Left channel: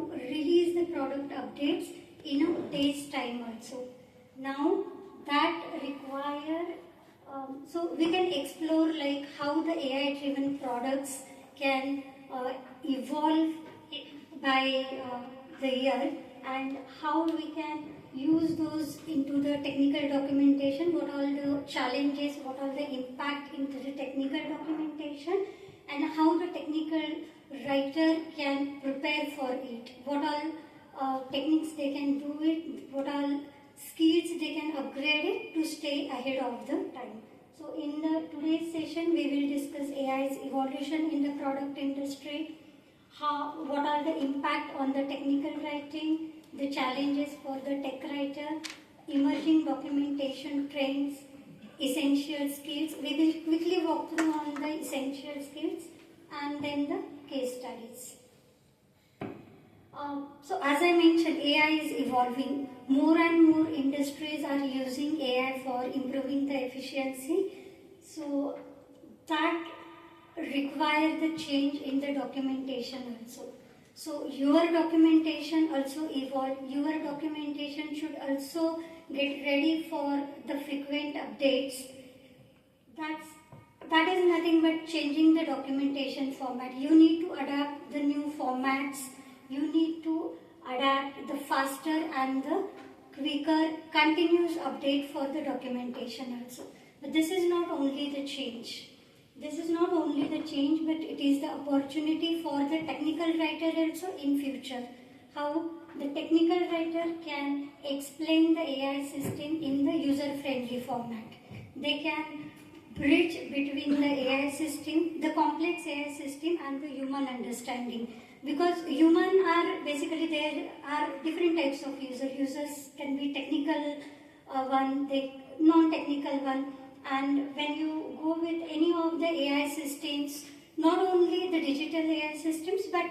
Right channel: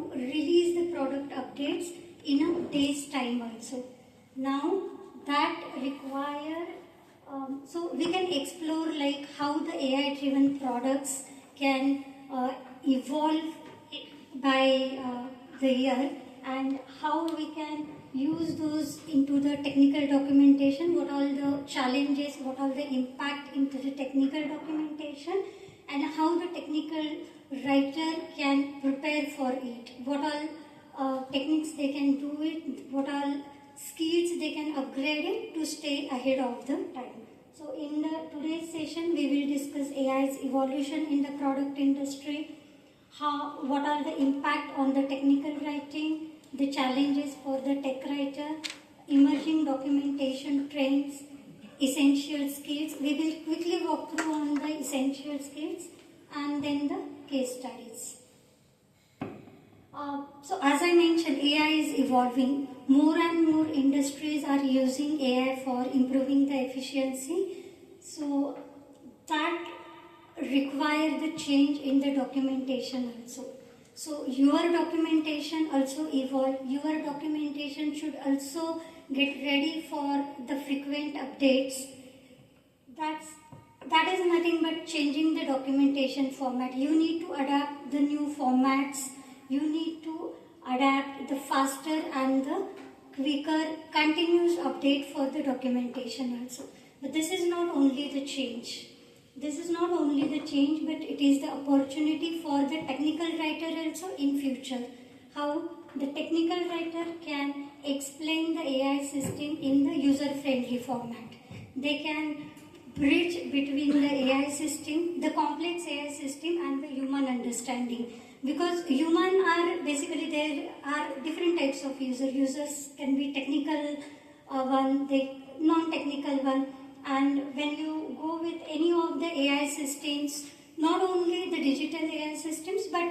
to release the product updates in a day's time also. Now that require, so we can explore like how the AI driven products can evolve by the year, and how we can use those into the technical documentation, what all the challenges, what all the impact into the technical documentation, and how the technical writer can prepare for it, what all techniques they can do it, what all skills they can upgrade it to stay ahead of the time. So in the today's session we will discuss AI's evolution in the product industry, what are the impact on the technical writing, the challenges for the tech writer, emerging documentation trends, essential skills. We will quickly walk through on the essential skills and then the case studies. So as I mentioned, AI is evolving. More and more industries are using AI for improving the efficiency. So that require the change in the documentation also. So your documentation also evolve. Your documentation should also get ready for the frequent updates. That is nothing but changing the documentation format. You need to adapt the new formats. You need to adapt the faster and the quicker continuous update for the documentation also. But this is not only the change. This is not only the change, but it is the opportunity for the technical writer also in future. How the technical writer can explain the AI system in the user-friendly format. They can bridge between the AI system, the complex AI system, and the human understanding. Because human are basically, there are different types of users. Users can be technical one, they non-technical one. And when you go with any of the AI systems, not only the digital AI systems, but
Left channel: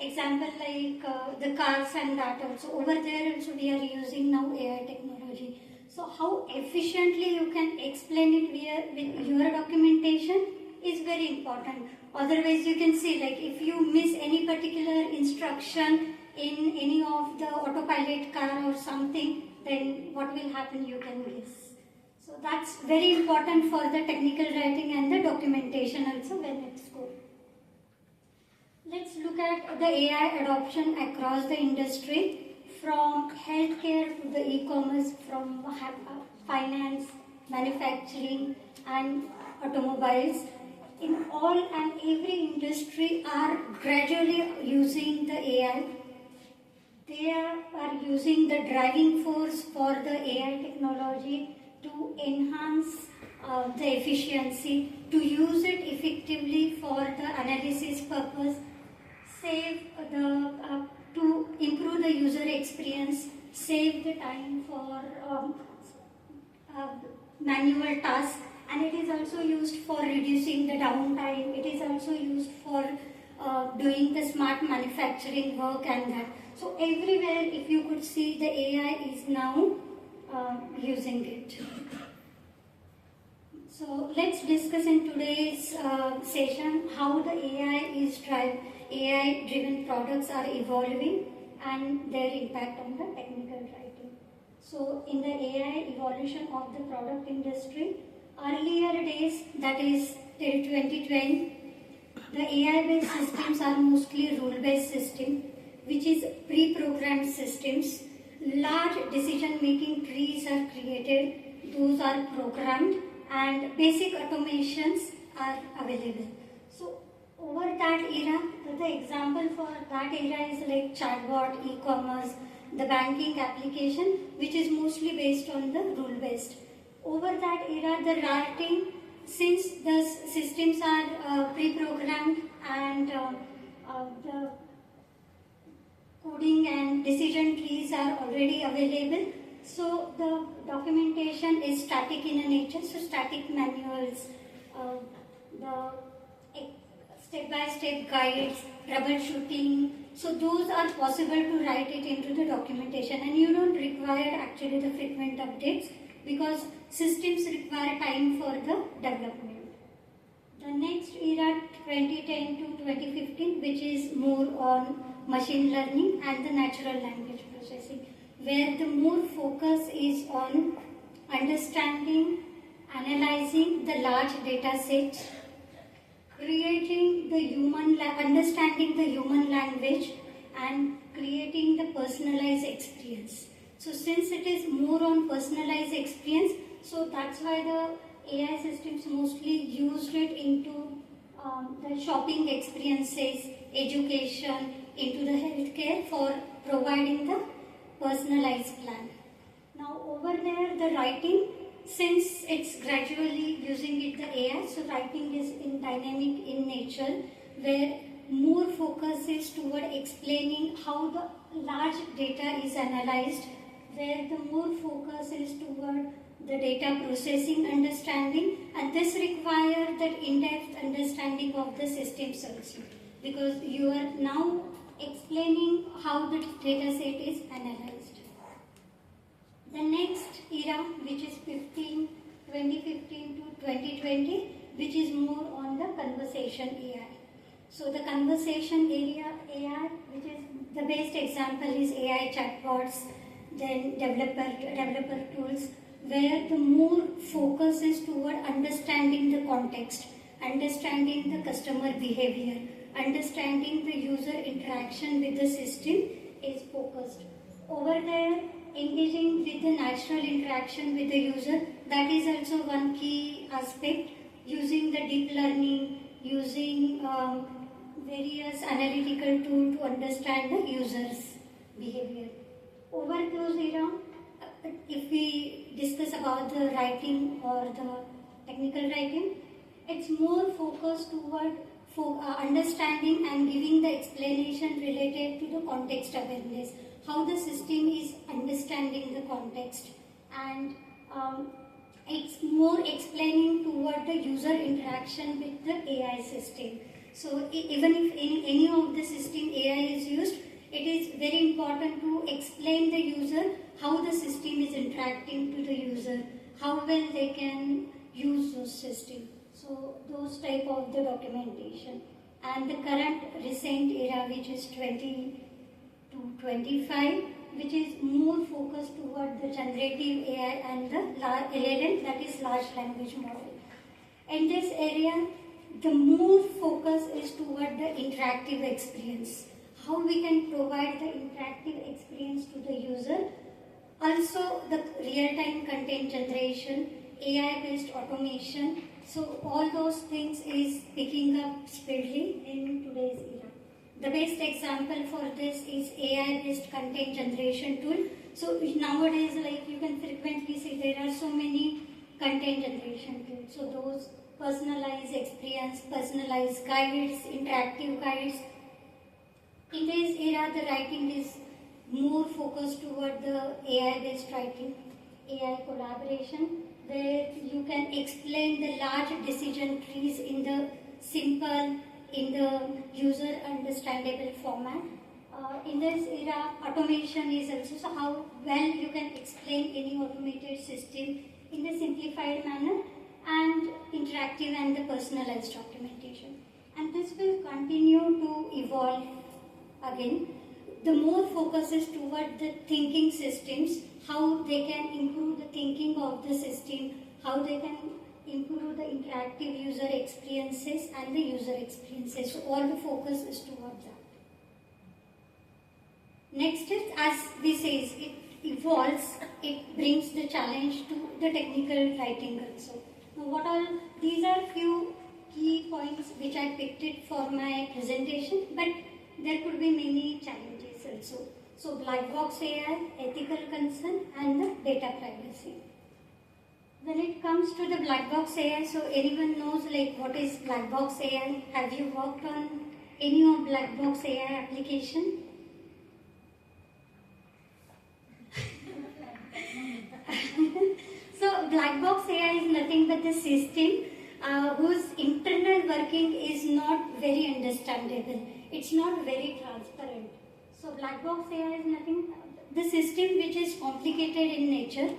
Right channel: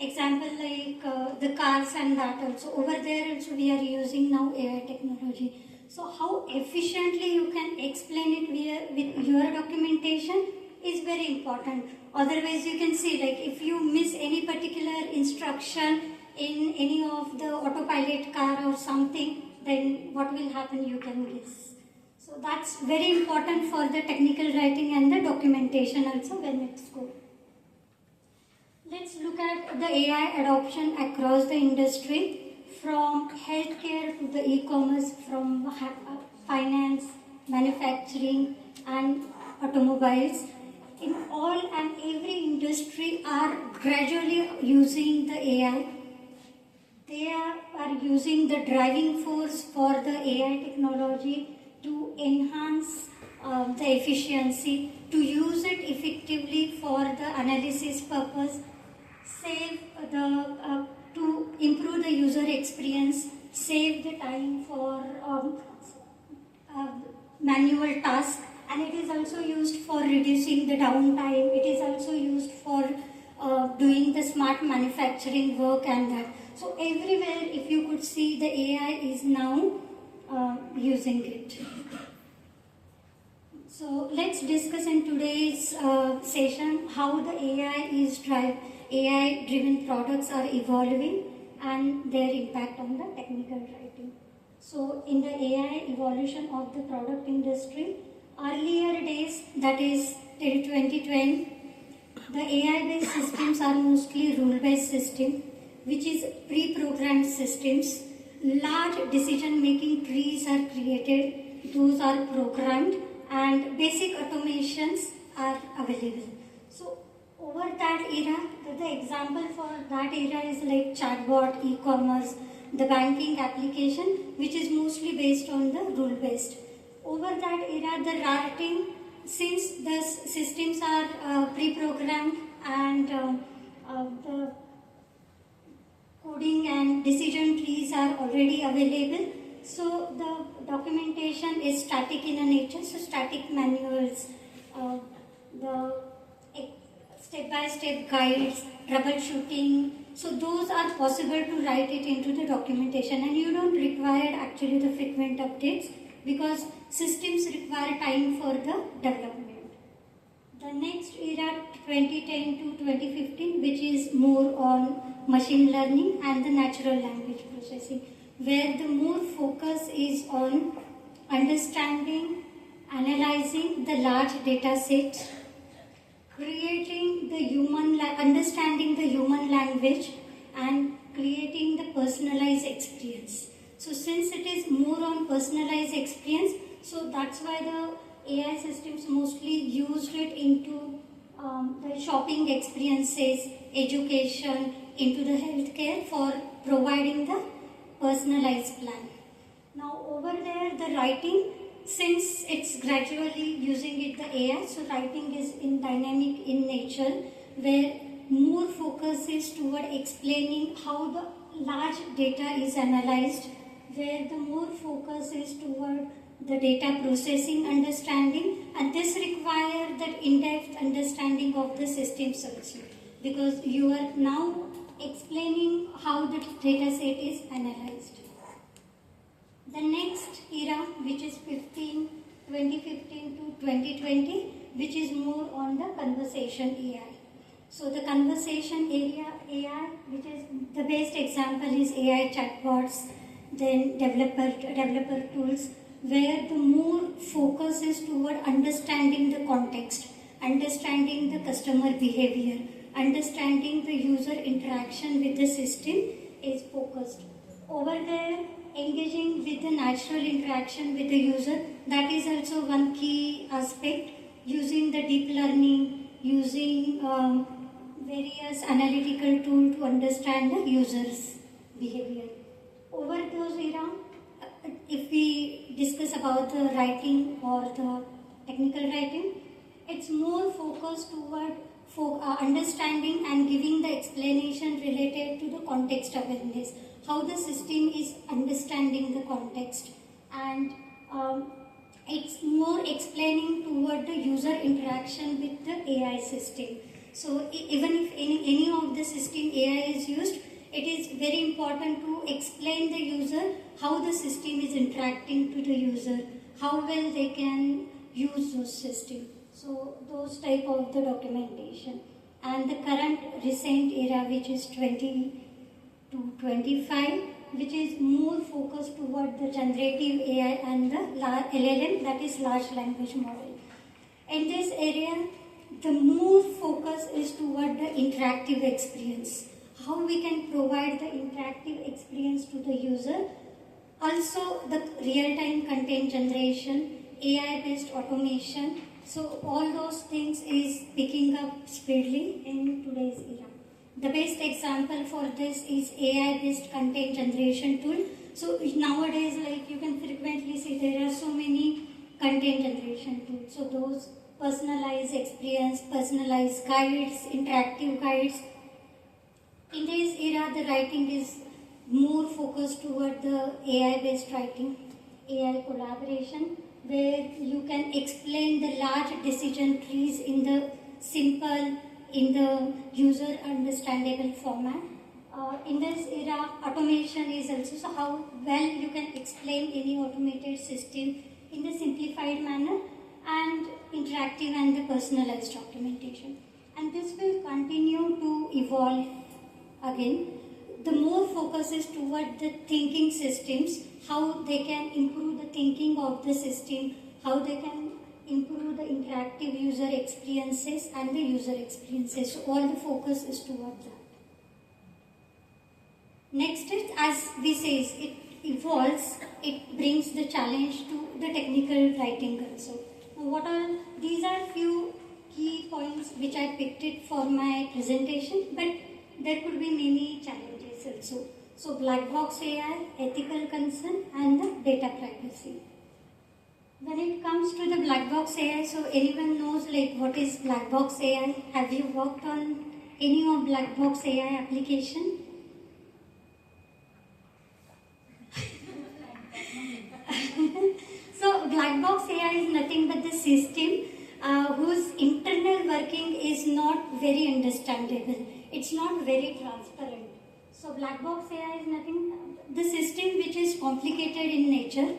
example like the cars and that also, over there also we are using now AI technology. So how efficiently you can explain it with your documentation is very important. Otherwise you can see, like if you miss any particular instruction in any of the autopilot car or something, then what will happen you can guess. So that's very important for the technical writing and the documentation also when it's good. Let's look at the AI adoption across the industry, from healthcare to the e-commerce, from finance, manufacturing and automobiles. In all and every industry are gradually using the AI. They are using the driving force for the AI technology to enhance the efficiency, to use it effectively for the analysis purpose, to improve the user experience, save the time for manual tasks, and it is also used for reducing the downtime. It is also used for doing the smart manufacturing work and that. So everywhere, if you could see, the AI is now using it. So let's discuss in today's session how the AI driven products are evolving and their impact on the technical writing. So in the AI evolution of the product industry, earlier days, that is till 2020, the AI based systems are mostly rule based system, which is pre-programmed systems. Large decision-making trees are created, those are programmed, and basic automations are available. So over that era, the example for that era is like chatbot, e-commerce, the banking application, which is mostly based on the rule-based. Over that era, the writing, since the systems are pre-programmed and the coding and decision trees are already available, so the documentation is static in a nature. So static manuals, the step-by-step guides, troubleshooting, so those are possible to write it into the documentation, and you don't require actually the frequent updates because systems require time for the development. The next era, 2010 to 2015, which is more on machine learning and the natural language processing, where the more focus is on understanding, analyzing the large data sets, creating the understanding the human language, and creating the personalized experience. So since it is more on personalized experience, so that's why the AI systems mostly used it into the shopping experiences, education, into the healthcare for providing the personalized plan. Now over there, the writing, since it's gradually using it the AI, so writing is in dynamic in nature, where more focus is toward explaining how the large data is analyzed, where the more focus is toward the data processing understanding, and this requires that in-depth understanding of the systems also, because you are now explaining how the data set is analyzed. The next era, which is 2015 to 2020, which is more on the conversation AI. So the conversation area AI, which is the best example is AI chatbots, then developer tools, where the more focus is toward understanding the context, understanding the customer behavior, understanding the user interaction with the system is focused. Over there, engaging with the natural interaction with the user, that is also one key aspect, using the deep learning, using various analytical tools to understand the user's behavior. Over those era, if we discuss about the writing or the technical writing, it's more focused toward understanding and giving the explanation related to the context awareness, how the system is understanding the context, and it's more explaining toward the user interaction with the AI system. So even if any of the system AI is used, it is very important to explain the user how the system is interacting to the user, how well they can use those systems. So those type of the documentation. And the current recent era, which is 20 to 25, which is more focused toward the generative AI and the LLM, that is large language model. In this area, the more focus is toward the interactive experience, how we can provide the interactive experience to the user. Also the real-time content generation, AI-based automation. So all those things is picking up speedily in today's era. The best example for this is AI-based content generation tool. So nowadays, like you can frequently see, there are so many content generation tools. So those personalized experience, personalized guides, interactive guides. In this era, the writing is more focused toward the AI-based writing, AI collaboration, where you can explain the large decision trees in the simple, in the user understandable format. In this era, automation is also, so how well you can explain any automated system in the simplified manner, and interactive and the personalized documentation. And this will continue to evolve again. The more focus is toward the thinking systems, how they can improve the thinking of the system, how they can improve the interactive user experiences and the user experiences. So all the focus is toward that. Next is, as we say, it evolves, it brings the challenge to the technical writing also. Now what all, these are few key points which I picked it for my presentation, but there could be many challenges also. So black box AI, ethical concern, and the data privacy. When it comes to the black box AI, so anyone knows like what is black box AI? Have you worked on any of black box AI application? So black box AI is nothing but the system whose internal working is not very understandable. It's not very transparent. So black box AI is nothing, the system which is complicated in nature,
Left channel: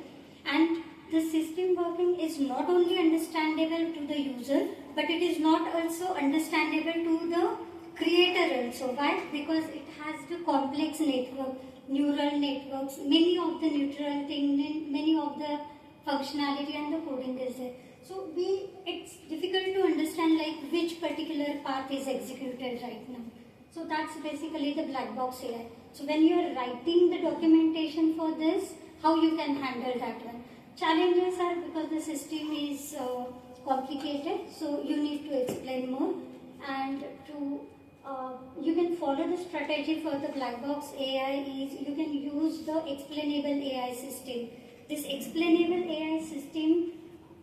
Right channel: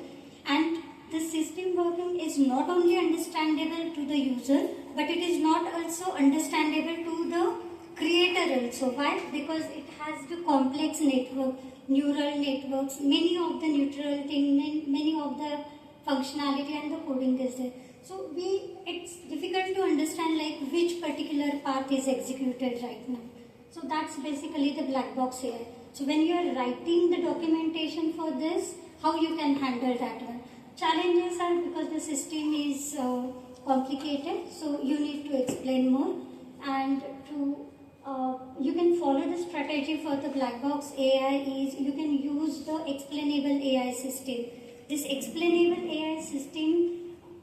and the system working is not only understandable to the user, but it is not also understandable to the creator also. Why? Because it has the complex network, neural networks, many of the neural thing, and many of the functionality and the coding is there. So it's difficult to understand like which particular path is executed right now. So that's basically the black box AI. So when you are writing the documentation for this, how you can handle that one? Challenges are because the system is complicated, so you need to explain more, and you can follow the strategy for the black box AI is you can use the explainable AI system. This explainable AI system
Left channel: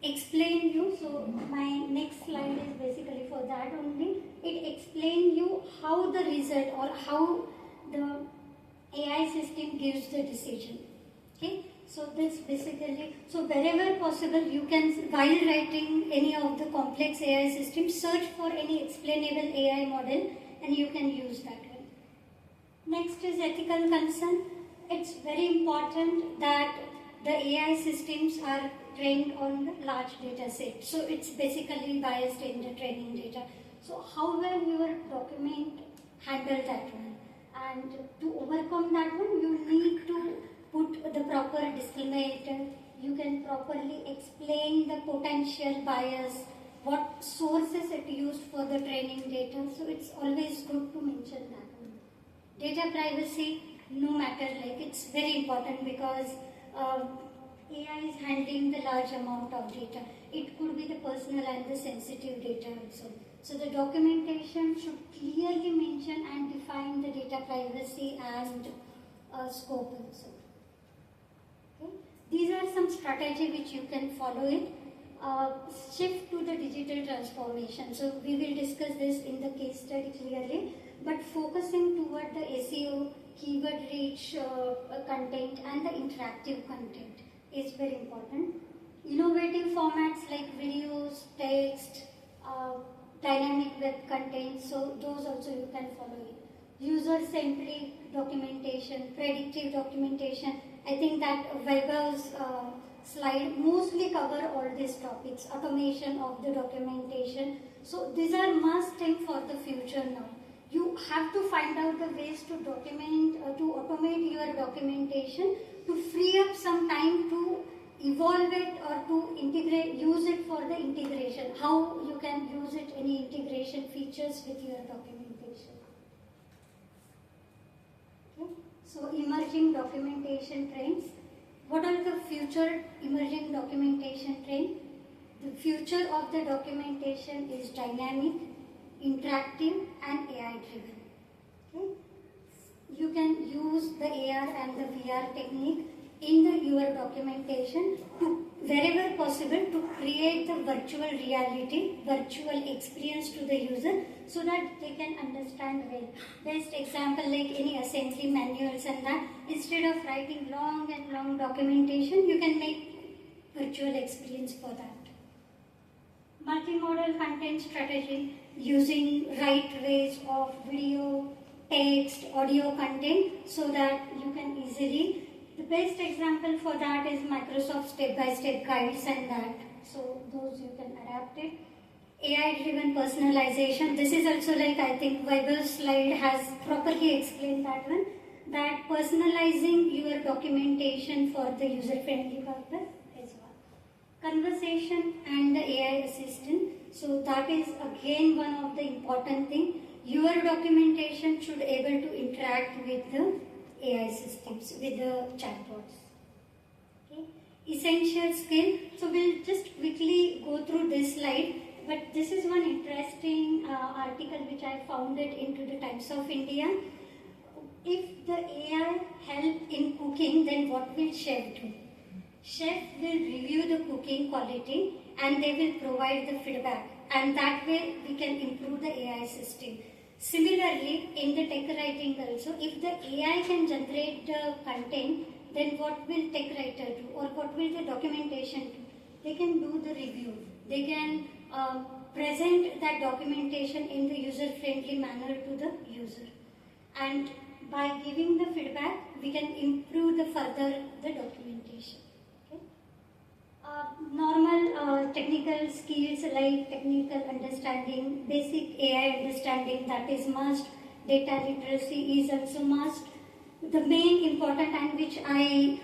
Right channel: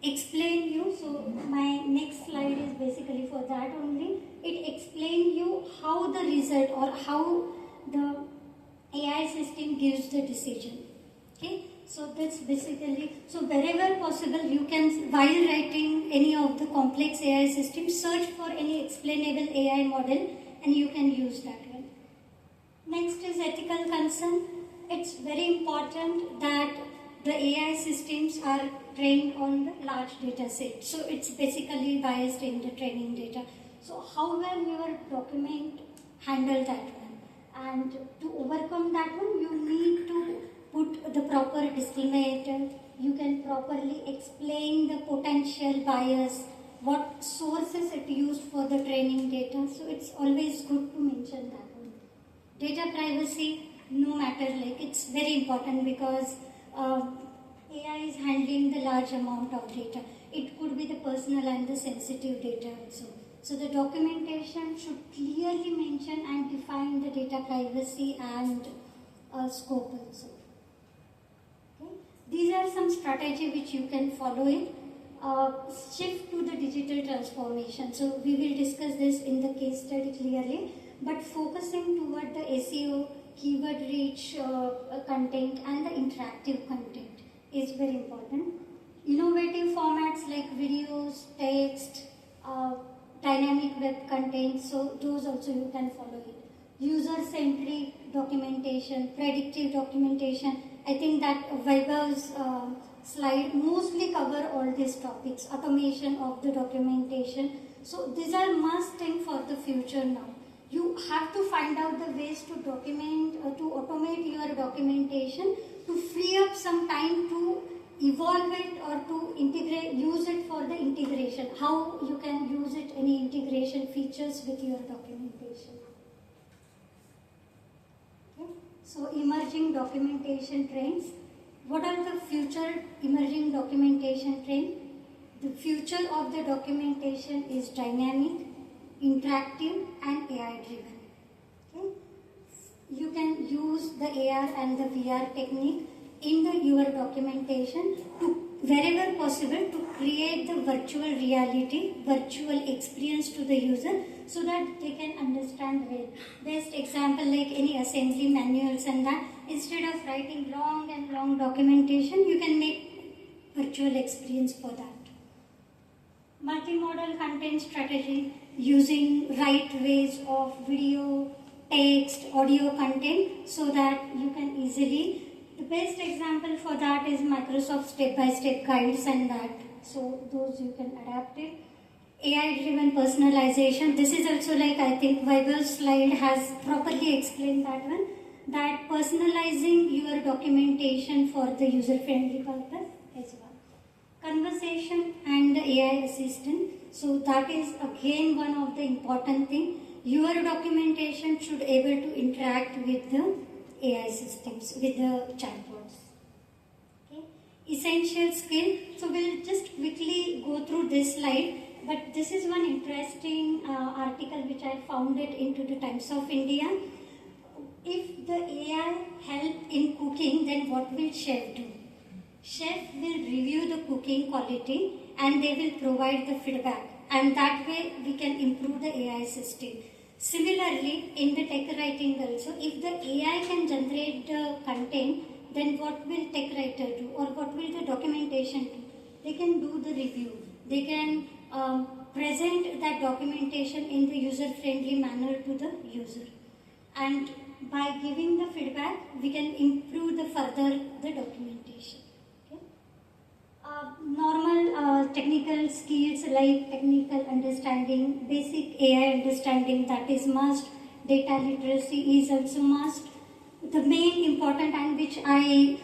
explain you, so my next slide is basically for that only. It explain you how the result or how the AI system gives the decision. Okay, so that's basically, so wherever possible you can, while writing any of the complex AI systems, search for any explainable AI model and you can use that one. Next is ethical concern. It's very important that the AI systems are trained on the large data set. So it's basically biased in the training data. So how well your document handle that one? And to overcome that one, you need to put the proper disclaimer. You can properly explain the potential bias, what sources it used for the training data. So it's always good to mention that one. Data privacy, no matter, like it's very important because AI is handling the large amount of data. It could be the personal and the sensitive data also. So the documentation should clearly mention and define the data privacy and scope also. Okay. These are some strategy which you can follow it. Shift to the digital transformation. So we will discuss this in the case study clearly, but focusing toward the SEO, keyword reach content and the interactive content is very important. Innovative formats like videos, text, dynamic web content, so those also you can follow it. User-centric documentation, predictive documentation. I think that Vaibhav's slide mostly cover all these topics, automation of the documentation. So these are must thing for the future now. You have to find out the ways to document, to automate your documentation, to free up some time to evolve it or to integrate, use it for the integration. How you can use it, any integration features with your documentation. Okay. So emerging documentation trends. What are the future emerging documentation trends? The future of the documentation is dynamic, interactive and AI driven. Okay. You can use the AR and the VR technique in your documentation to wherever possible to create the virtual reality, virtual experience to the user so that they can understand well. Best example like any assembly manuals and that, instead of writing long and long documentation, you can make virtual experience for that. Multimodal content strategy, using right ways of video, text, audio content so that you can easily. The best example for that is Microsoft step-by-step guides and that. So those you can adapt it. AI-driven personalization. This is also like I think Vaibhav's slide has properly explained that one. That personalizing your documentation for the user-friendly purpose as well. Conversation and the AI assistant. So that is again one of the important thing. Your documentation should able to interact with the AI systems, with the chatbots. Okay. Essential skill. So we'll just quickly go through this slide, but this is one interesting article which I found it into the Times of India. If the AI help in cooking, then what will chef do? Chef will review the cooking quality and they will provide the feedback, and that way we can improve the AI system. Similarly, in the tech writing also, if the AI can generate the content, then what will tech writer do or what will the documentation do? They can do the review. They can present that documentation in the user-friendly manner to the user. And by giving the feedback, we can improve the further the documentation. Okay? Normal technical skills like technical understanding, basic AI understanding, that is must. data literacy is also must. The main important and which I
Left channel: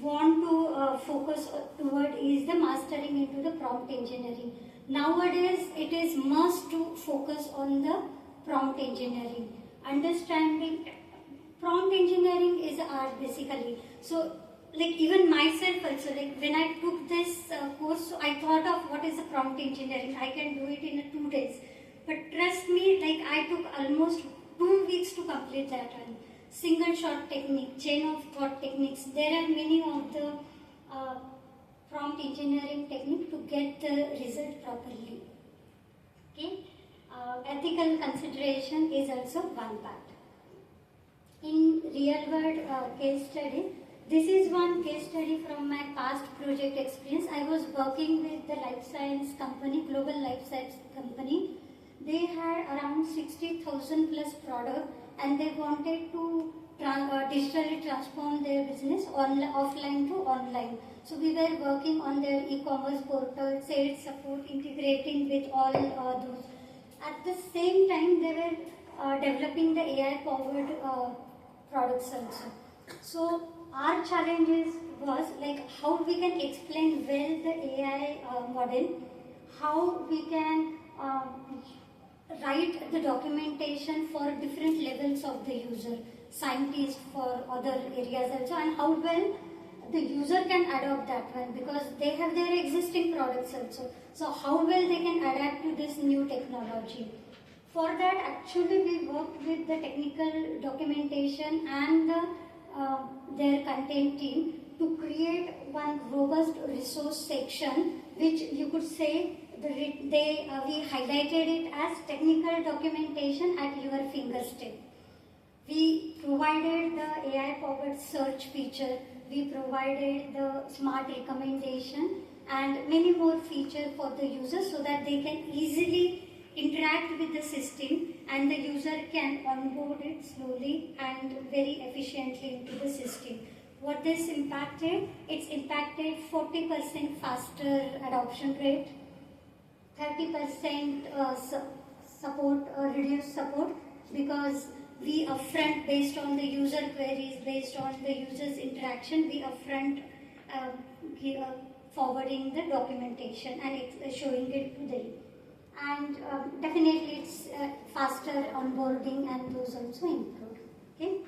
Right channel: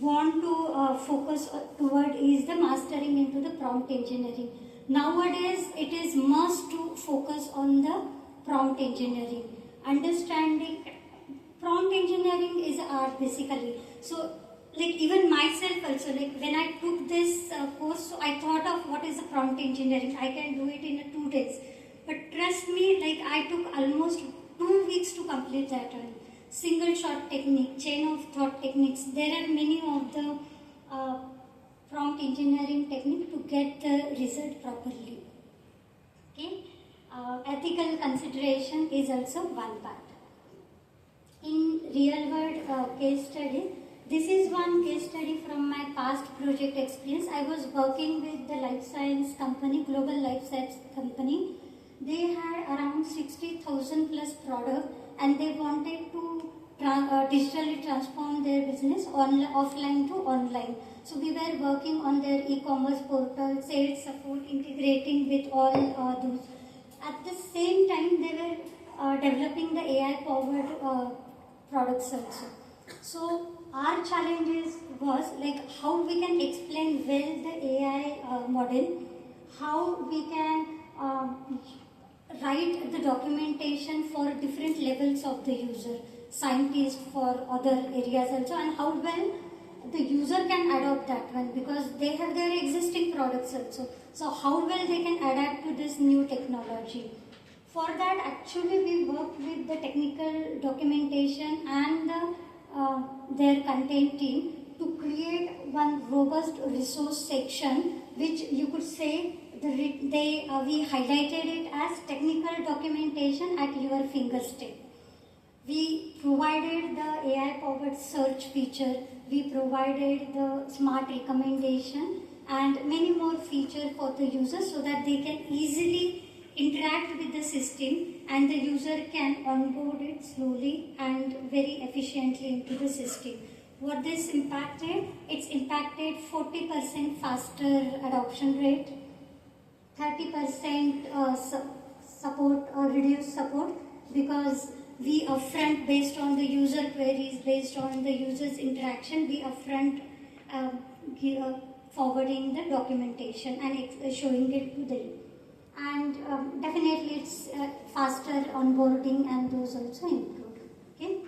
want to focus toward is the mastering into the prompt engineering. Nowadays, it is must to focus on the prompt engineering. Understanding prompt engineering is art basically. So, like even myself also, like when I took this course, so I thought of what is the prompt engineering. I can do it in 2 days. But trust me, like I took almost 2 weeks to complete that one. Single shot technique, chain of thought techniques. There are many of the prompt engineering technique to get the result properly. Okay, ethical consideration is also one part. In real world case study, this is one case study from my past project experience. I was working with the life science company, global life science company. They had around 60,000 plus products and they wanted to digitally transform their business offline to online. So we were working on their e-commerce portal, sales support, integrating with all those. At the same time, they were developing the AI-powered products also. So our challenges was like how we can explain well the AI model, how we can write the documentation for different levels of the user, scientists for other areas also, and how well the user can adopt that one because they have their existing products also. So how well they can adapt to this new technology. For that, actually we worked with the technical documentation and their content team to create one robust resource section, which you could say we highlighted it as technical documentation at your fingertip. We provided the AI-powered search feature, we provided the smart recommendation and many more features for the user so that they can easily interact with the system and the user can onboard it slowly and very efficiently into the system. What this impacted? It's impacted 40% faster adoption rate, 30% support or reduced support because we upfront based on the user queries, based on the user's interaction, we upfront forwarding the documentation and showing it to them. And definitely it's faster onboarding and those also include. Okay.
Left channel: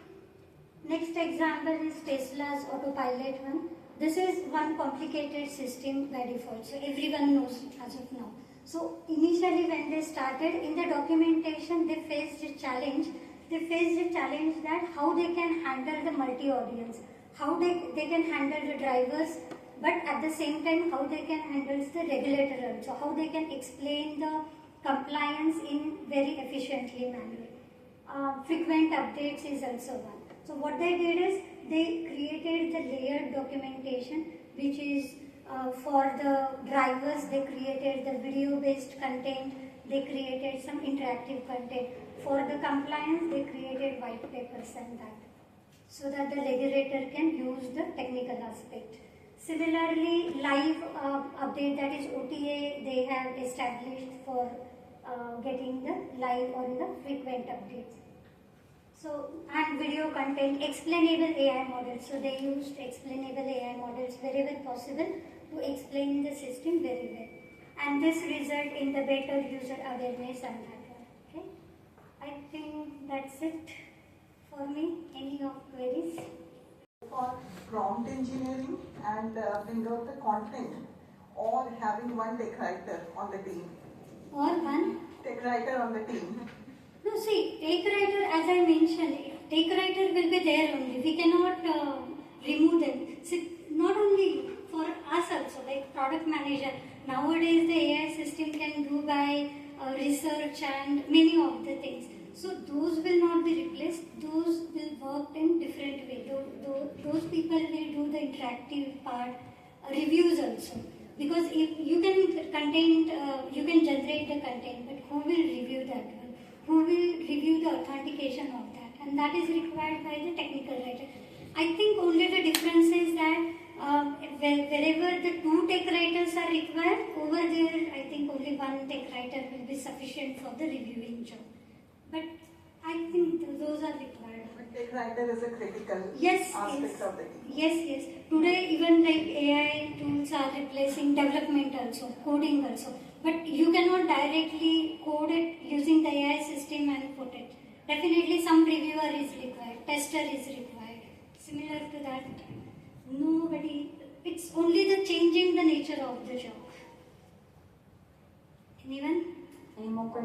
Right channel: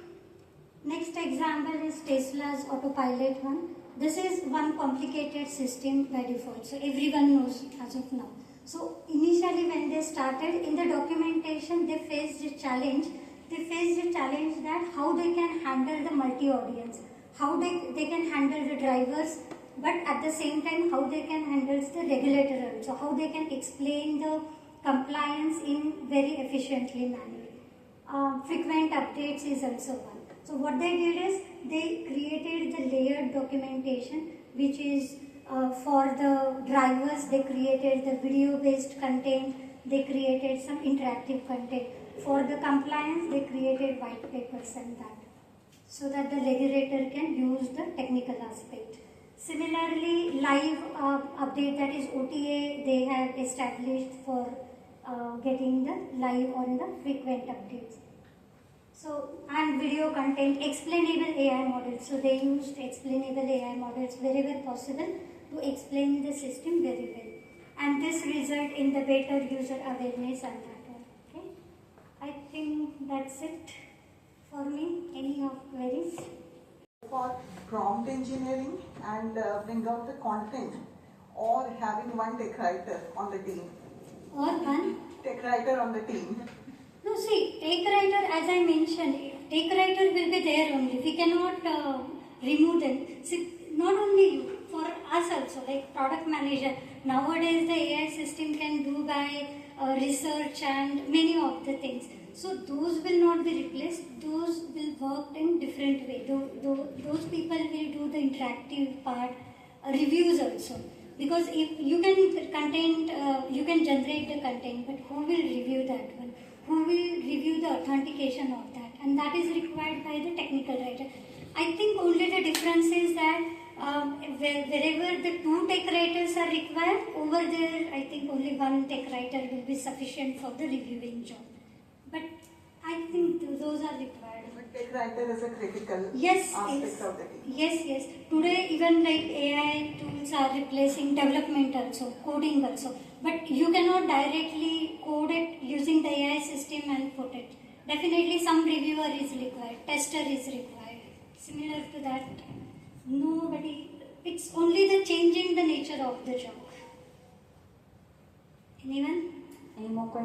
Next example is Tesla's autopilot one. This is one complicated system by default, so everyone knows as of now. So initially when they started in the documentation, they faced a challenge. They faced a challenge that how they can handle the multi-audience, how they can handle the drivers, but at the same time how they can handle the regulator also, how they can explain the compliance in very efficiently manner. Frequent updates is also one. So what they did is they created the layered documentation which is for the drivers, they created the video based content, they created some interactive content. For the compliance, they created white papers and that, so that the regulator can use the technical aspect. Similarly, live update, that is OTA, they have established for getting the live on the frequent updates. So, and video content, explainable AI models. So they used explainable AI models wherever possible to explain the system very well. And this result in the better user awareness and that. Okay, I think that's it for me. Any of queries? For prompt engineering and bring out the content, or having one tech writer on the team. Or one? Tech writer on the team. No, see, tech writer, as I mentioned, tech writer will be there only. We cannot remove them. See, not only you, for us also, like product manager, nowadays the AI system can do by research and many of the things. So those will not be replaced, those will work in different way. Those people will do the interactive part, reviews also. Because if you can you can generate the content, but who will review that one? Who will review the authentication of that? And that is required by the technical writer. I think only the difference is that wherever the 2 tech writers are required, over there I think only 1 tech writer will be sufficient for the reviewing job. But I think those are required. But tech writer is a critical Yes, aspect yes. of the team. Yes. Today even like AI tools are replacing development also, coding also. But you cannot directly code it using the AI system and put it. Definitely some reviewer is required, tester is required. Similar to that, it's only the changing the nature of the job. Anyone? Any more questions?